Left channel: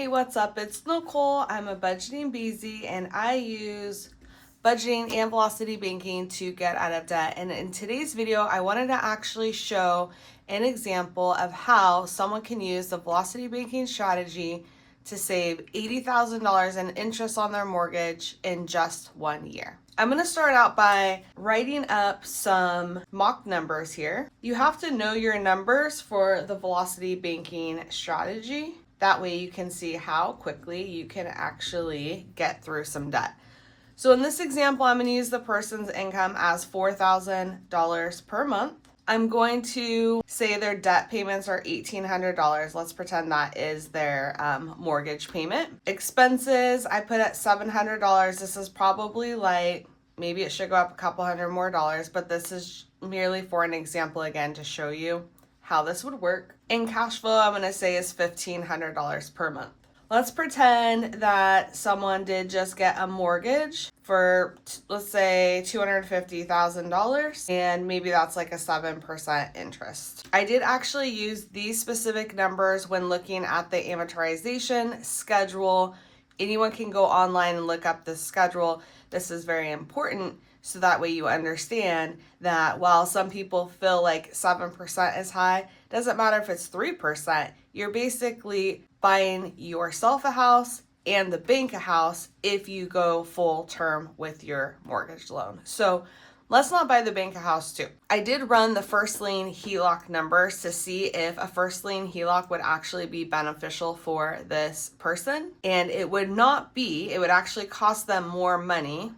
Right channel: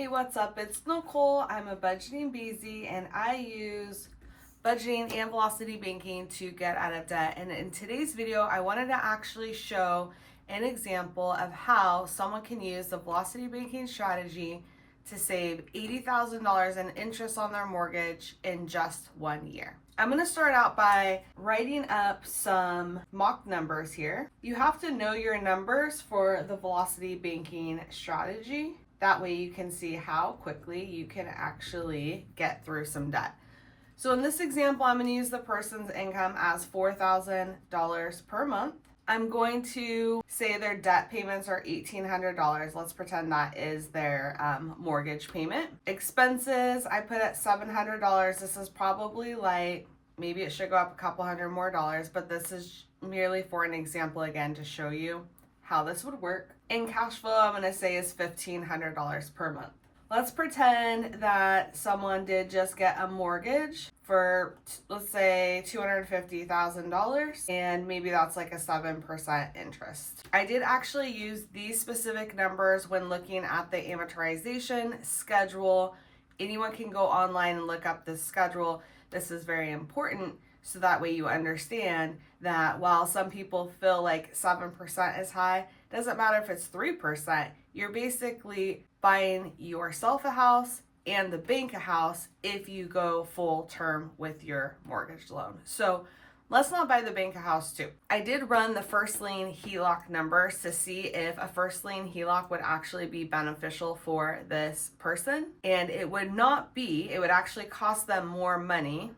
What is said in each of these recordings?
Hey, what's up? It's Nicole. I'm a budgeting Beezy and I use budgeting and velocity banking to get out of debt. And in today's video, I wanted to actually show an example of how someone can use the velocity banking strategy to save $80,000 in interest on their mortgage in just 1 year. I'm going to start out by writing up some mock numbers here. You have to know your numbers for the velocity banking strategy. That way you can see how quickly you can actually get through some debt. So in this example, I'm going to use the person's income as $4,000 per month. I'm going to say their debt payments are $1,800. Let's pretend that is their mortgage payment. Expenses, I put at $700. This is probably light. Maybe it should go up a couple hundred more dollars, but this is merely for an example again to show you how this would work. In cash flow, I'm going to say is $1,500 per month. Let's pretend that someone did just get a mortgage for, let's say, $250,000, and maybe that's like a 7% interest. I did actually use these specific numbers when looking at the amortization schedule. Anyone can go online and look up this schedule. This is very important so that way you understand that while some people feel like 7% is high, doesn't matter if it's 3%, you're basically buying yourself a house and the bank a house if you go full term with your mortgage loan. So let's not buy the bank a house too. I did run the first lien HELOC numbers to see if a first lien HELOC would actually be beneficial for this person. And it would not be. It would actually cost them more money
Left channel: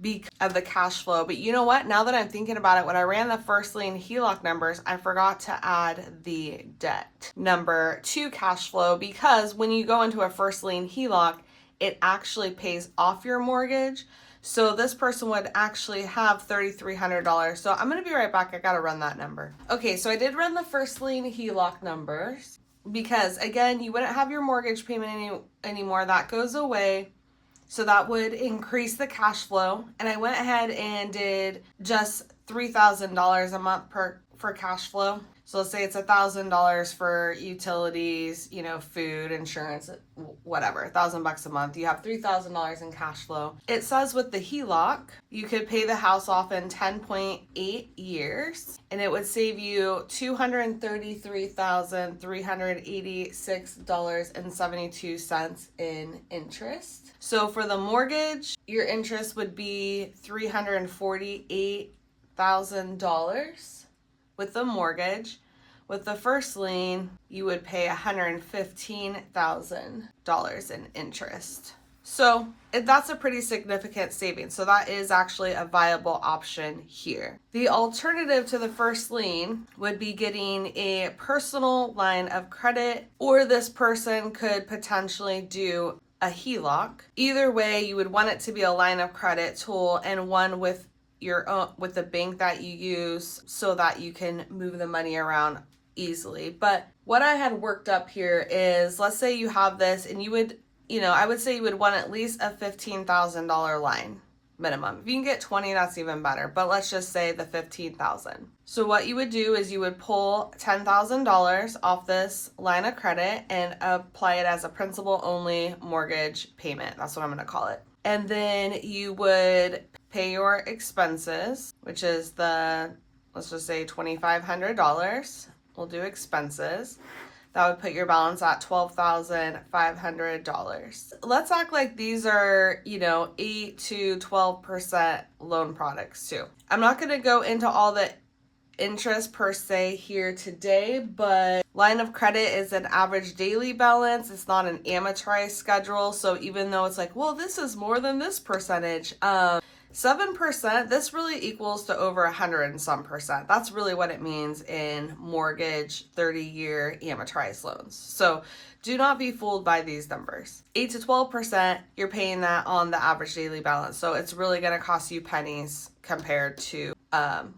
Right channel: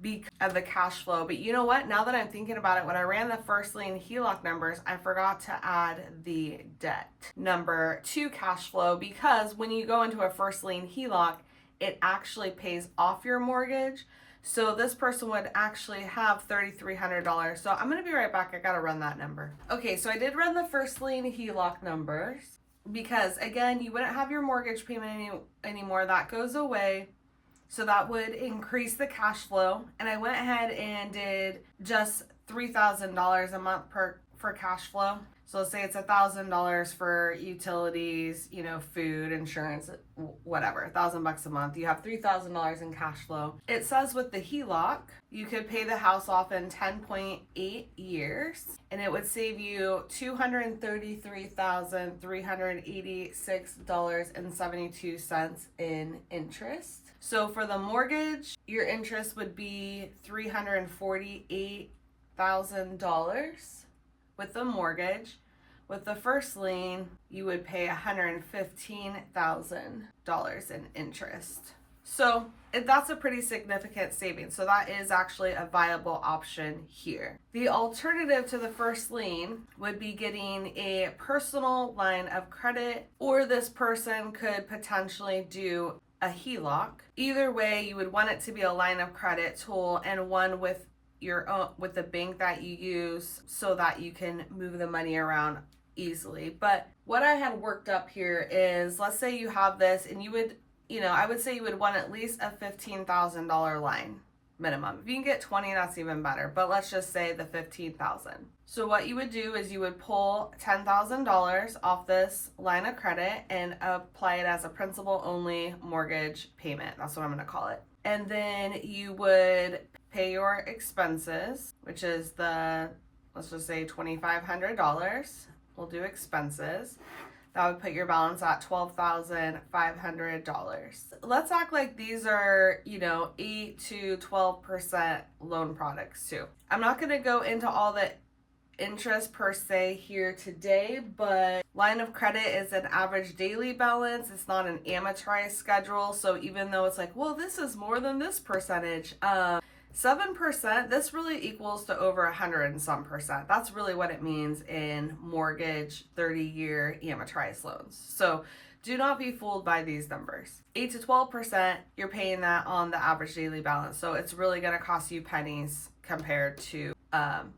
because of the cash flow. But you know what? Now that I'm thinking about it, when I ran the first lien HELOC numbers, I forgot to add the debt number to cash flow, because when you go into a first lien HELOC, it actually pays off your mortgage. So this person would actually have $3,300. So I'm going to be right back. I got to run that number. Okay, so I did run the first lien HELOC numbers because, again, you wouldn't have your mortgage payment anymore. That goes away. So that would increase the cash flow. And I went ahead and did just $3,000 a month for cash flow. So let's say it's $1,000 for utilities, food, insurance, whatever, $1,000 a month. You have $3,000 in cash flow. It says with the HELOC, you could pay the house off in 10.8 years, and it would save you $233,386.72 in interest. So for the mortgage, your interest would be $348,000 with the mortgage. With the first lien, you would pay $115,000 in interest. So that's a pretty significant savings. So that is actually a viable option here. The alternative to the first lien would be getting a personal line of credit, or this person could potentially do a HELOC. Either way, you would want it to be a line of credit tool and one with your own, with the bank that you use, so that you can move the money around easily. But what I had worked up here is, let's say you have this and you would, I would say you would want at least a $15,000 line minimum. If you can get 20, that's even better, but let's just say the 15,000. So what you would do is you would pull $10,000 off this line of credit and apply it as a principal only mortgage payment. That's what I'm going to call it. And then you would pay your expenses, which is let's just say $2,500. We'll do expenses. That would put your balance at $12,500. Let's act like these are, 8 to 12% loan products too. I'm not going to go into all the interest per se here today, but line of credit is an average daily balance. It's not an amortized schedule. So even though it's like, well, this is more than this percentage, 7%, this really equals to over 100 and some percent. That's really what it means in mortgage 30-year amortized loans. So do not be fooled by these numbers. 8 to 12%, you're paying that on the average daily balance. So it's really going to cost you pennies compared to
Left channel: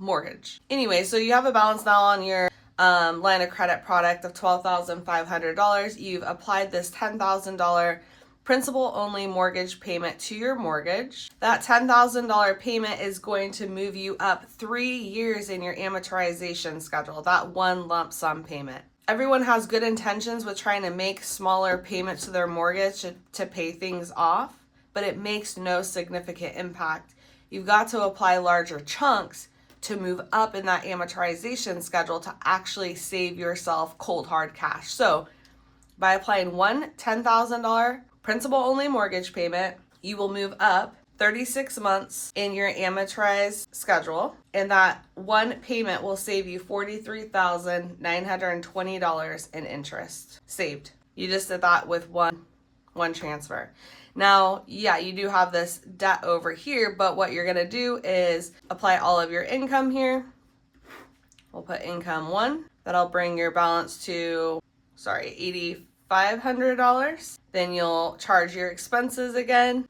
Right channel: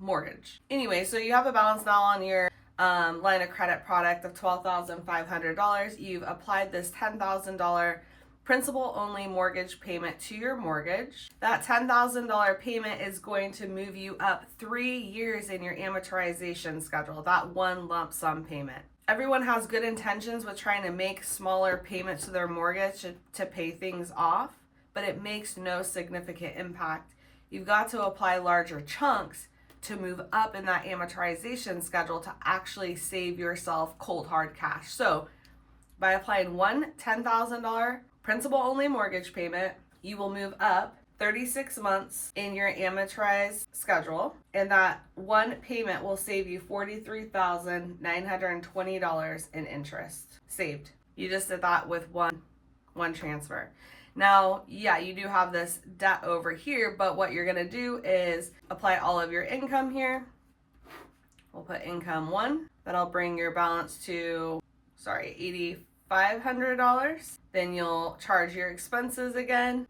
mortgage. Anyway, so you have a balance now on your line of credit product of $12,500. You've applied this $10,000 principal only mortgage payment to your mortgage. That $10,000 payment is going to move you up 3 years in your amortization schedule, that one lump sum payment. everyone has good intentions with trying to make smaller payments to their mortgage to pay things off, but it makes no significant impact. You've got to apply larger chunks to move up in that amortization schedule to actually save yourself cold hard cash. So by applying one $10,000 principal only mortgage payment, you will move up 36 months in your amortized schedule, and that one payment will save you $43,920 in interest saved. You just did that with one transfer. Now, yeah, you do have this debt over here, but what you're gonna do is apply all of your income here. We'll put income 1. That'll bring your balance to, $8,500. Then you'll charge your expenses again.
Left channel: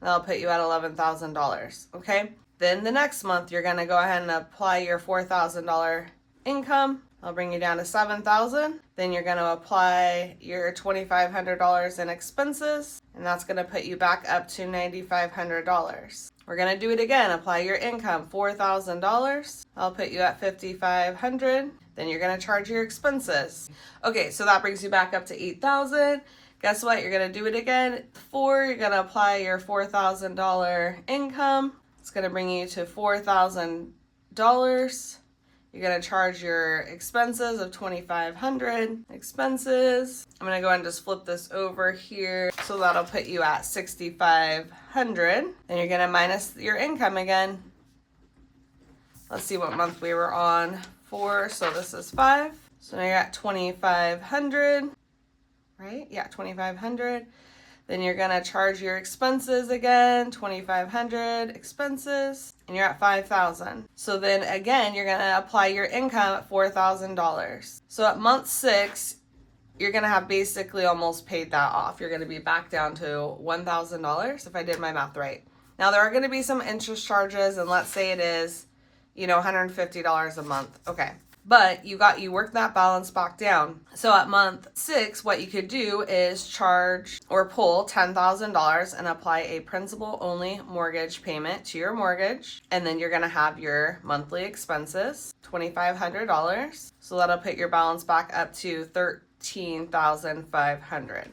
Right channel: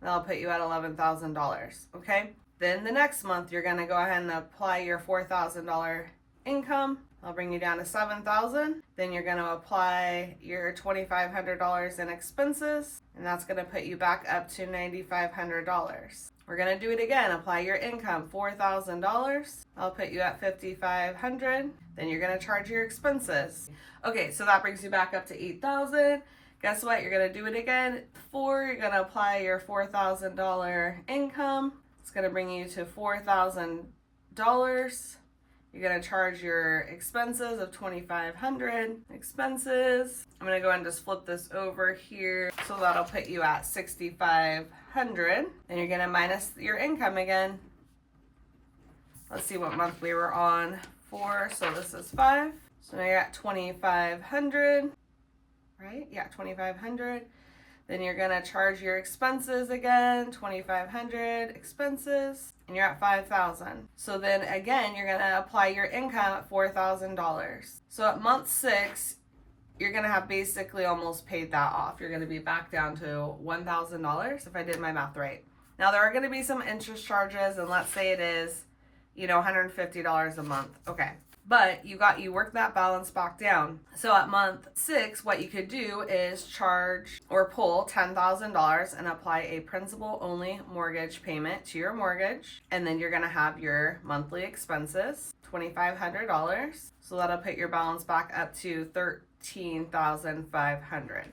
That'll put you at $11,000, okay? Then the next month, you're gonna go ahead and apply your $4,000 income. I'll bring you down to $7,000. Then you're gonna apply your $2,500 in expenses, and that's gonna put you back up to $9,500. We're gonna do it again. Apply your income, $4,000. I'll put you at $5,500. Then you're gonna charge your expenses. Okay, so that brings you back up to $8,000. Guess what? You're gonna do it again. You're gonna apply your $4,000 income. It's gonna bring you to $4,000. You're gonna charge your expenses of $2,500 expenses. I'm gonna go ahead and just flip this over here. So that'll put you at $6,500. Then you're gonna minus your income again. Let's see what month we were on for. So this is 5. So now you're at $2,500, right? Yeah, $2,500. Then you're gonna charge your expenses again, $2,500 expenses, and you're at $5,000. So then again, you're gonna apply your income at $4,000. So at month 6, you're gonna have basically almost paid that off. You're gonna be back down to $1,000 if I did my math right. Now there are gonna be some interest charges, and let's say it is, $150 a month. Okay. But you work that balance back down. So at month 6, what you could do is charge or pull $10,000 and apply a principal only mortgage payment to your mortgage. And then you're gonna have your monthly expenses, $2,500. So that'll put your balance back up to $13,500.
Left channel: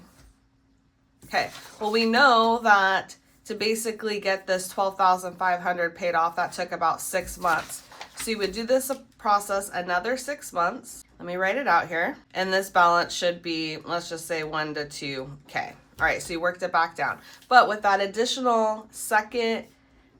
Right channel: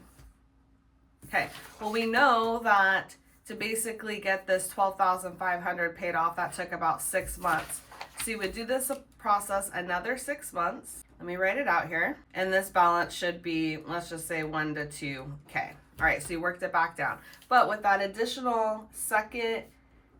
Okay, well, we know that to basically get this $12,500 paid off, that took about 6 months. So you would do this process another 6 months. Let me write it out here. And this balance should be, let's just say 1 to 2K. All right, so you worked it back down. But with that additional second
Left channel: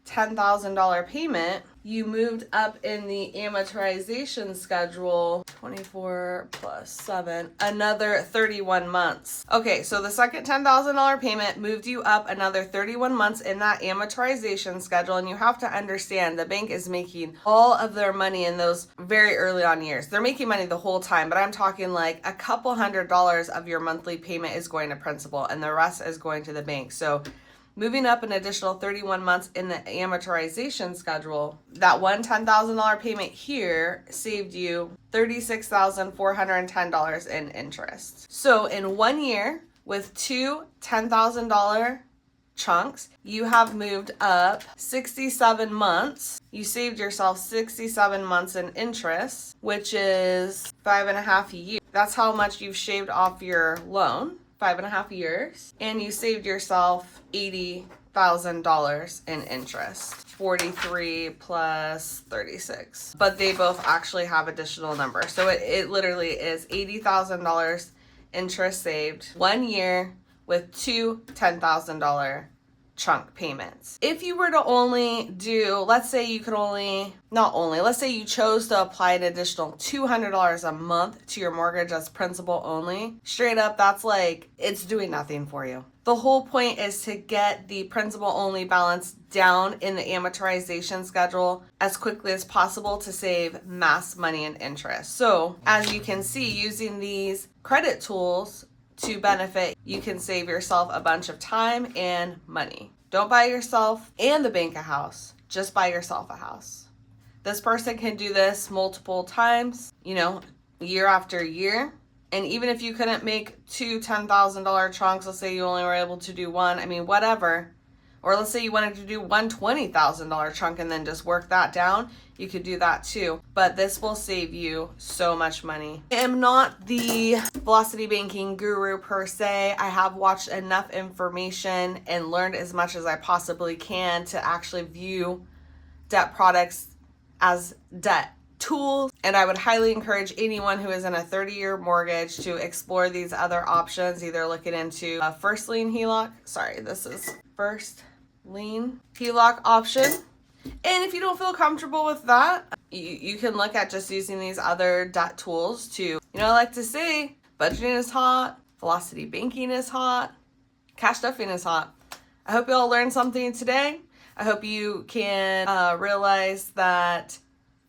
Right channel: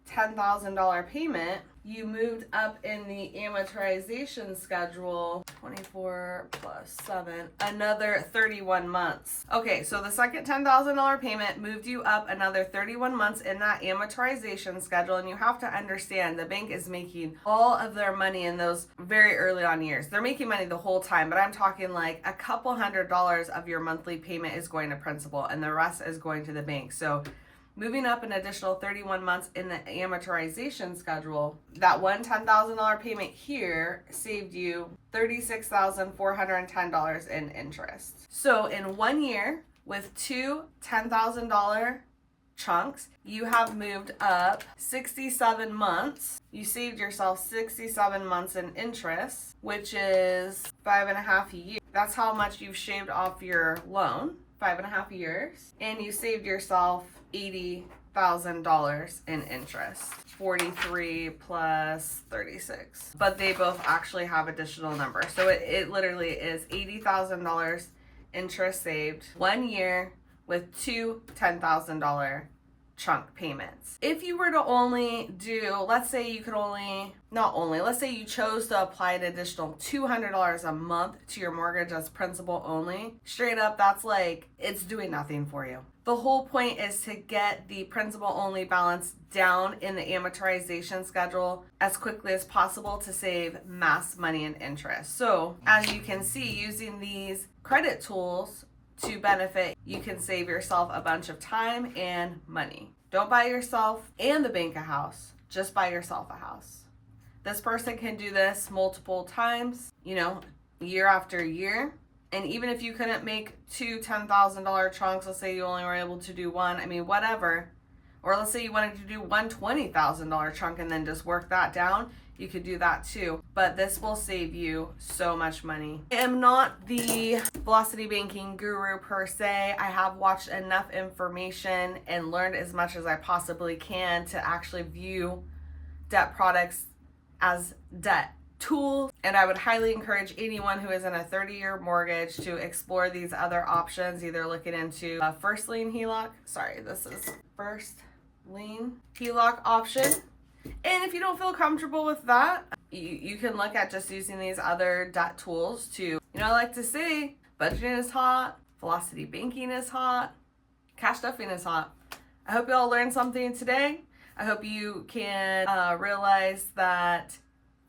$10,000 payment, you moved up in the amortization schedule, 24 plus 7, another 31 months. Okay, so the second $10,000 payment moved you up another 31 months in that amortization schedule, and you have to understand the bank is making all of their money in those very early on years. They're making money the whole time, but I'm talking like a couple $100 of your monthly payment is going to principal, and the rest is going to the bank. So moving up an additional 31 months in the amortization schedule, that one $10,000 payment here saved you $36,410 in interest. So in 1 year, with two $10,000 chunks, you have moved up 67 months. You saved yourself 67 months in interest, which is 5.5 years. That's how much you've shaved off your loan. 5.5 years, and you saved yourself $80,000 in interest. 43 plus 36. But they both actually have additional numbers. So it literally is $80,000 interest saved 1 year with two $10,000 chunk payments. If you were to only do, let's say you chose to apply an additional $200 a month to your mortgage as principal only, straight up, that's like, it's doing nothing for you. The whole point is to get the principal only balance down in the amortization schedule as quickly as possible to save mass money and interest. So as you can see, using these credit tools to benefit, you can save yourself a bunch of time and money. Don't buy yourself and the bank a house, just buy yourself a house. This person can do this multiple times, year after year. And even if you couldn't make two $10,000 chunks, let's say you only were able to do one, whatever, Or let's say you wanted to do one $20,000 chunk and then just work that down. You could do that too, but this will save you so much money. I am not the velocity banking guru per se. I have watched enough information and learned as much as I possibly can to actually view debt products as debt tools. And I would highly encourage anyone who is in a 30-year mortgage to explore these other options, either looking into a first lien HELOC. Sorry, this is first lien HELOC option. And if you don't feel comfortable with that, you can look at just using these other debt tools to, I like to say, budgeting is hot, velocity banking is hot, cash stuffing is hot. I hope you all learned something today. I hope you can realize that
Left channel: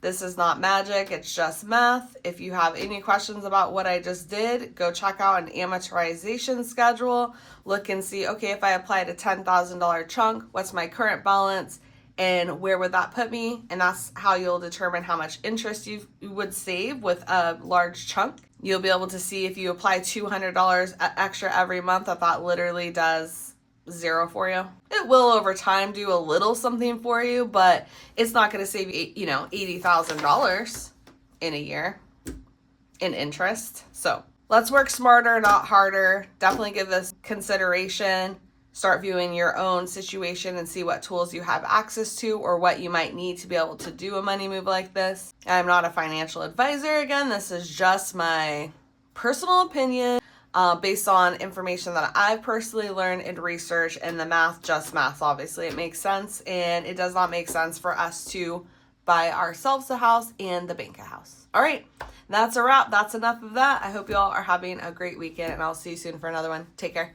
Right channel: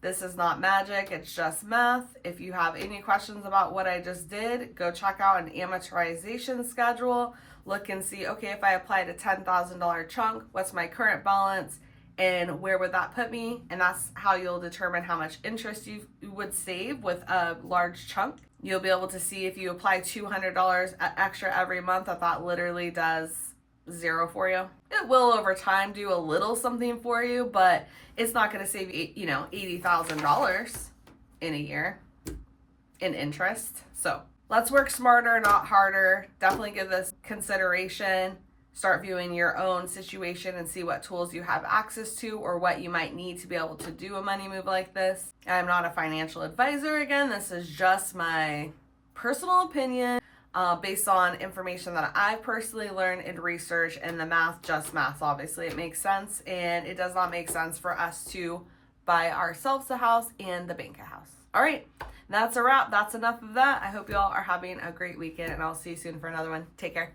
this is not magic, it's just math. If you have any questions about what I just did, go check out an amortization schedule. Look and see, okay, if I applied a $10,000 chunk, what's my current balance? And where would that put me? And that's how you'll determine how much interest you would save with a large chunk. You'll be able to see if you apply $200 extra every month, that literally does zero for you. It will over time do a little something for you, but it's not going to save you, $80,000 in a year in interest. So let's work smarter, not harder. Definitely give this consideration. Start viewing your own situation and see what tools you have access to or what you might need to be able to do a money move like this. I'm not a financial advisor. Again, this is just my personal opinion based on information that I've personally learned and researched, and the math, just math. Obviously, it makes sense, and it does not make sense for us to buy ourselves a house and the bank a house. All right, that's a wrap. That's enough of that. I hope you all are having a great weekend, and I'll see you soon for another one. Take care.